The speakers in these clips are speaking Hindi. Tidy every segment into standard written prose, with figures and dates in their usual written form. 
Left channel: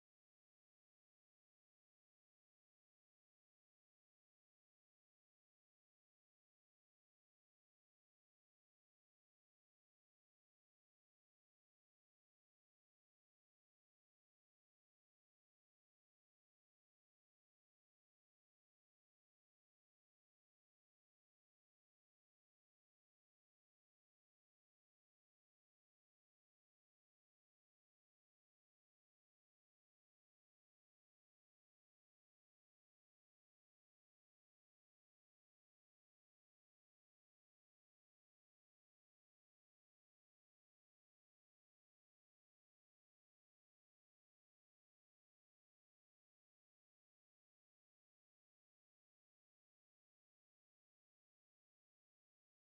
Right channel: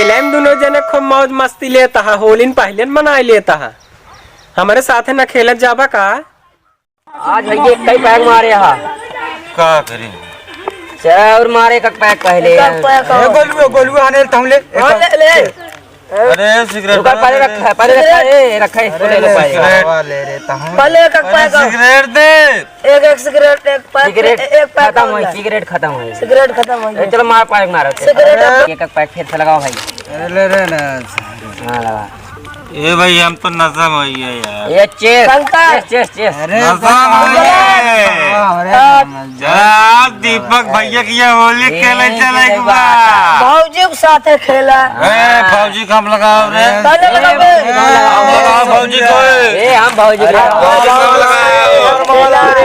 खेले में दोनों जने खूब मौज मस्ती लेता है, होली पहले मनाई लेता है। हमारे साथ न खेलत जाबा का? आज भैया कई पैक मारे हा का करें और मारे का पैक पहले गोलू आने तमले ले अरे सिगरेट पहले रखा ले रे पहले एक पैक सिगरेट दे एक सिगरेट एक पैक एक पैक सिगरेट खत्म हुई सिगरेट खत्म हो गया। चलो मार पैक मारो एक पैक फिर से लगाओ भाई। ले रे ना हाँ लगा ए भाई हम तो नशा में ही है यार। ये चेस नशा में जा दीपक भैया की ये होली खेले चले एक बार भौजी के साथ खेला। ए फौजी कम लगाओ रे पहले लगाओ फौजी को हम भौजी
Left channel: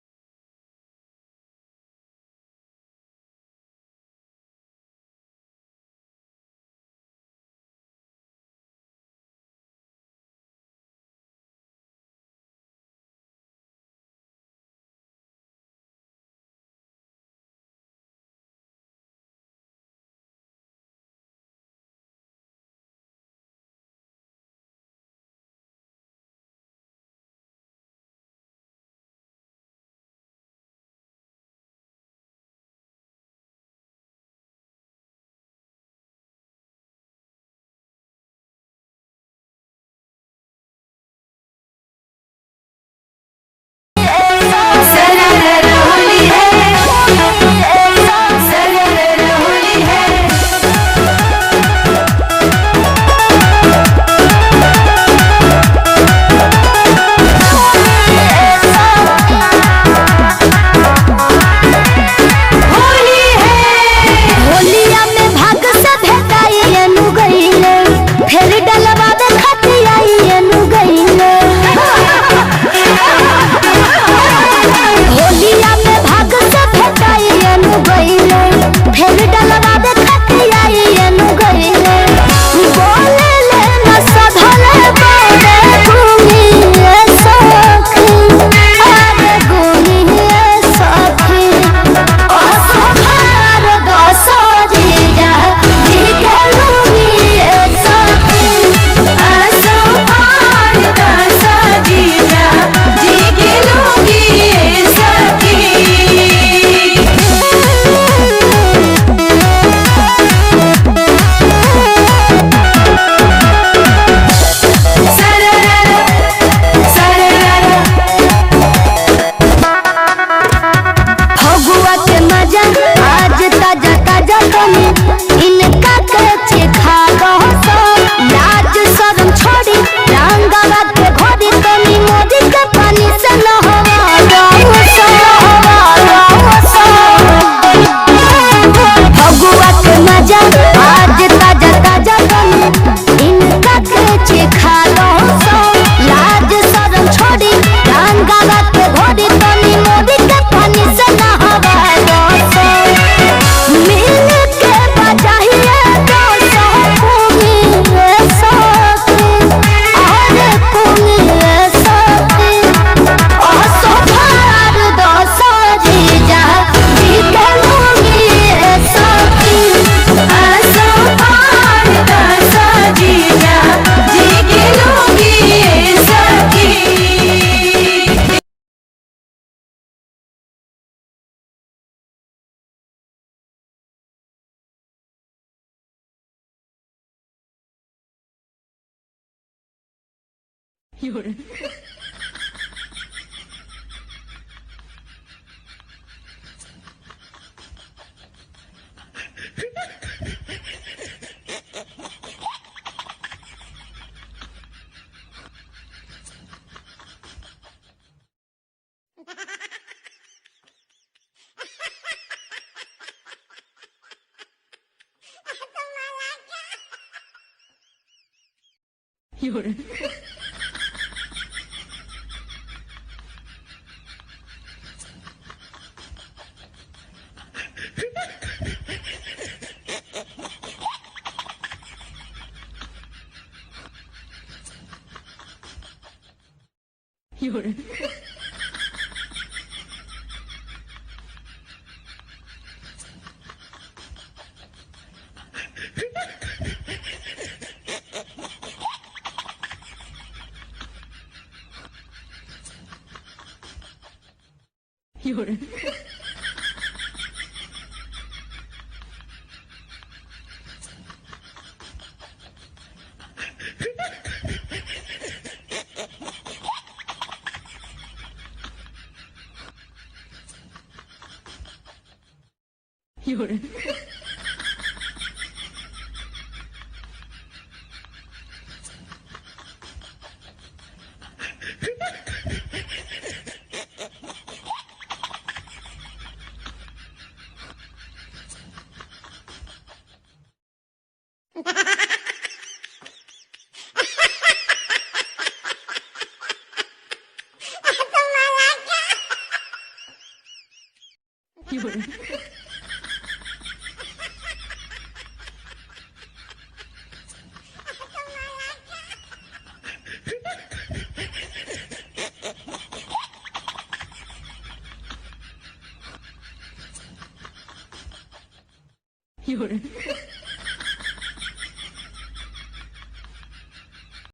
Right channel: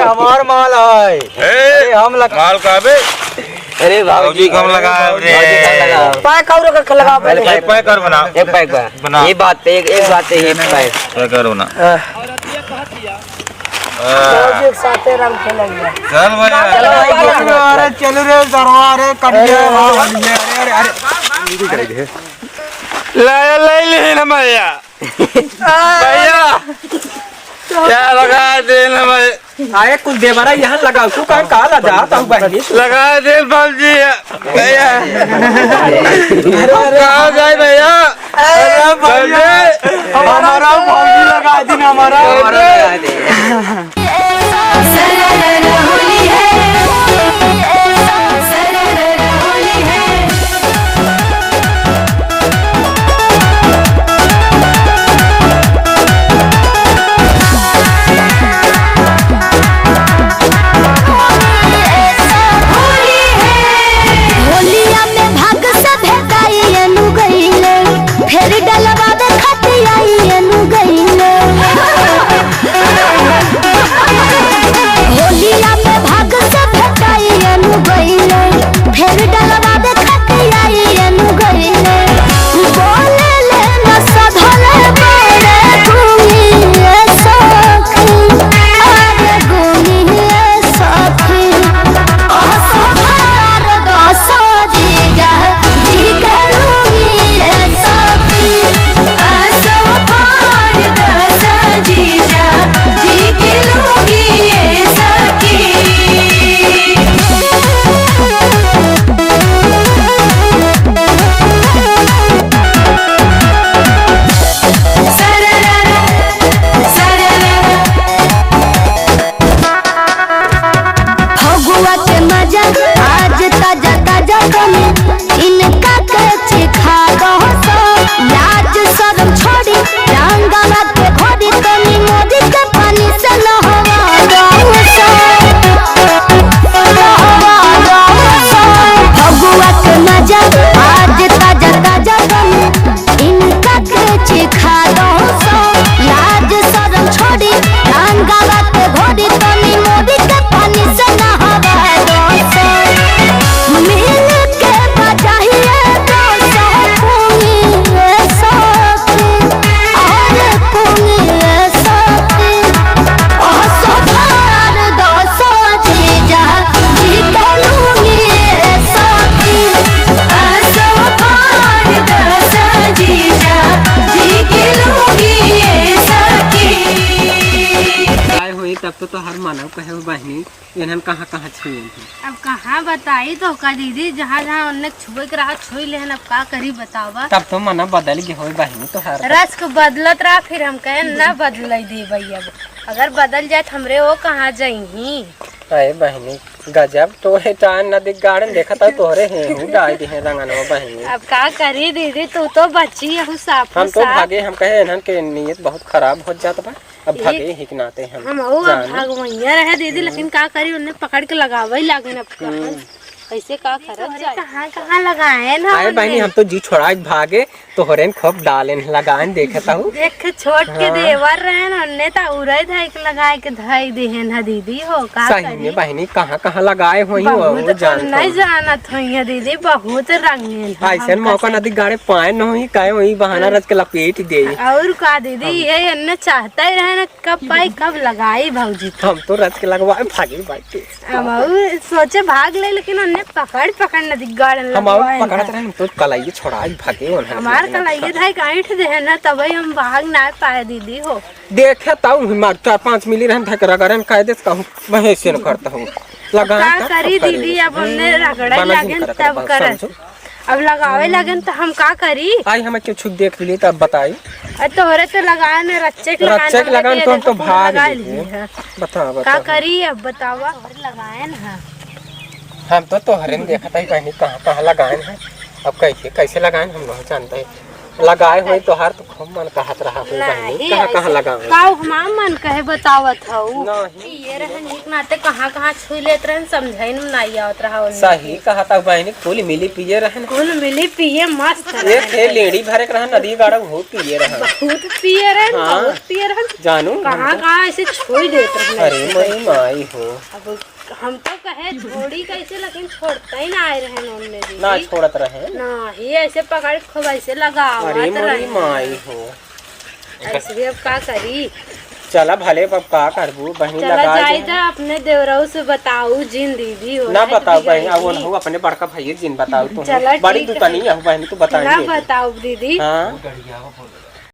हमार माल है। ए हम माल का बे अरे फौजी कम लगाओ रे पैक और का लगा पहले एक पैक कर बनाओ एक पैक बना ये बात एक बात है ये पैक करो ना भौजी के साथ रंग खेलेंगे। चल भाई अरे चल रे दरबार कट गया। अरे ले ले ना भैया भैया क्या लगा दे ना भाई आए कुछ देवरा यहाँ लगाओ तू कहाँ ला जाता हूँ बहनी लगा दे फौजी भैया कहाँ गए भैया हमारा फौजी लगा दी ना हमारा फिर डलवा दे खतियाइनु गईले होलिया में भाग से भेटाइनु गईले फिर डलवा दे खतियाइनु गईले बोले ले न सधले बड़े घूमी सखी अरे घूमी सखी ओ सफार दसो जी जा जी के लूमी आज ताजा ताजा कमी इनका के चिखा दो लाज शर्म छोड़ी रंगवा के घोड़ी तनी मोदी के पानी से नहवा दो भगुआ के मजा आज ताजा ताजा कमी इनका के चिखा दो लाज शर्म छोड़ी रंगवा के घोड़ी तनी मोदी के पानी से नहवा दो मिल के बजाइए दो सौ कुमी सखी और कुमी सखी ओ सोफार दो सौ जीजा जी के लूंगी सखी सोफार दो सौ जीजा जी के लूंगी सखी आए हुई तब तो हर मानव कहे बहनी इन्हन कहाँ कहाँ छुए अब कहाँ बताई तो का दीदी जहाँ जहाँ उन्हें छुए के रहा छुई लेहन अब का करी बतावा। तब तो मना बदल गए हो बहनी तो हर रस को बदलत रहा फिर हम कहे ना बदल दी भैया अगर बदल जाए हमरे वो कहाँ जाई। अरे बहनी गजब तो है चांद नदी गार्डन देखा था तोहरे हैं डाल दी है रंगनवा बहनी। अब का करी दीदी तू तो बच्ची है साफ हम तो भागे हम कहे इन्हन के नीयत बहुत खराब हो जाता बा अब भागे हिकनाते हम भागवैया रहे दीदी लेकिन का करी उन्हें पकड़ के लगावे लागे अब कैसे का करत जाए कहाँ कहाँ लगाए ना। अरे बहनी हम तो जी छोड़ा भागे तो होरेन खूब डालेन लगान देखता हूँ देख छोट के देवर रहे ना उन्हें तो उड़े धाई के लगाए के धाई देहन है दीदी हो का सही में बहनी कहाँ कहाँ लगाए हो वो जान नहीं जानत हुई दीदी बहुत रंगीन ऐसे मौका नदी गाड़े पाए न हुई काहे वही बहाना रच के लपेट दे और का दीदी ये अन्य चाहता ही रहे ना कब पाई कब लगाई भौजी हम तो रच के लगवाए भागे बाटे सोचे भाग ले लेकिन उन्हें पकड़ पकड़ नदी गाड़न हम और लगवाए ना। पकड़त रहे तो कलाई छोड़ाई भागे उन्हें हमार कलाइए था गाइठ दे ना तभी हम भाग ना पाए दीदी हो। देखे ताऊ मार 4-5 मिली रहन था रगड़न कायदे से कहूं वहीं से न करता हूं लगा का करी दीदी अब हमने रगड़े लगन तब कर अब लगावे लगन तो हम का करी। आई हमें क्यों छुप देख ली तब बताई तोहरे तो लगाए ने रच्चे लगान तो हम तो भाग लगा लिए। ली है। बता का बता करी अब बतावा लगाए ना। हम तो तोहरे में देखा था कहीं कहाँ लगाए हैं अब कैसे लगाए हम नहीं जानते लगाए हुए तो हर तो खूब मन कहत रहा हो बहनी कहाँ लगाए का हमार मन कहे बतावत हूँ नहीं ये रहन एक नाते कहाँ छू लेत रहन समझाई में नहीं आवत रहा उन्हें। सही कहा था बहनी कुल मिली पिए रहन कुल मिली पिए मस्त एक थे लेडी भरे के रहन नदी गाड़ा बहुत पिए रहन बहुत पिए रहन हाँ। बहुत पिए रहन जानू कहाँ ऐसे छू देत रहन। अरे मई माई हो अब हम तो कहे थोड़ी कैसे लेकिन छोड़ता ही ना आए रहन उनने भी ना छोड़त रहे ना ही ऐसे पकड़ खूब ऐसे अरे लगावत मई रहे माई हो ऐसे अब का करी। चला भले पप्पा करबू बहनी चला लगा जाए दे तो अपने देवराऊ से बताऊ जिन दीदी हो ना रहे बताओ दीदी बहनी आई अब थी। हो अपने बड़का भाई जिन बताओ चला तुम बड़ी ठीक है। दुकानी है बहनी तू ना बताइए बताओ दीदी हाँ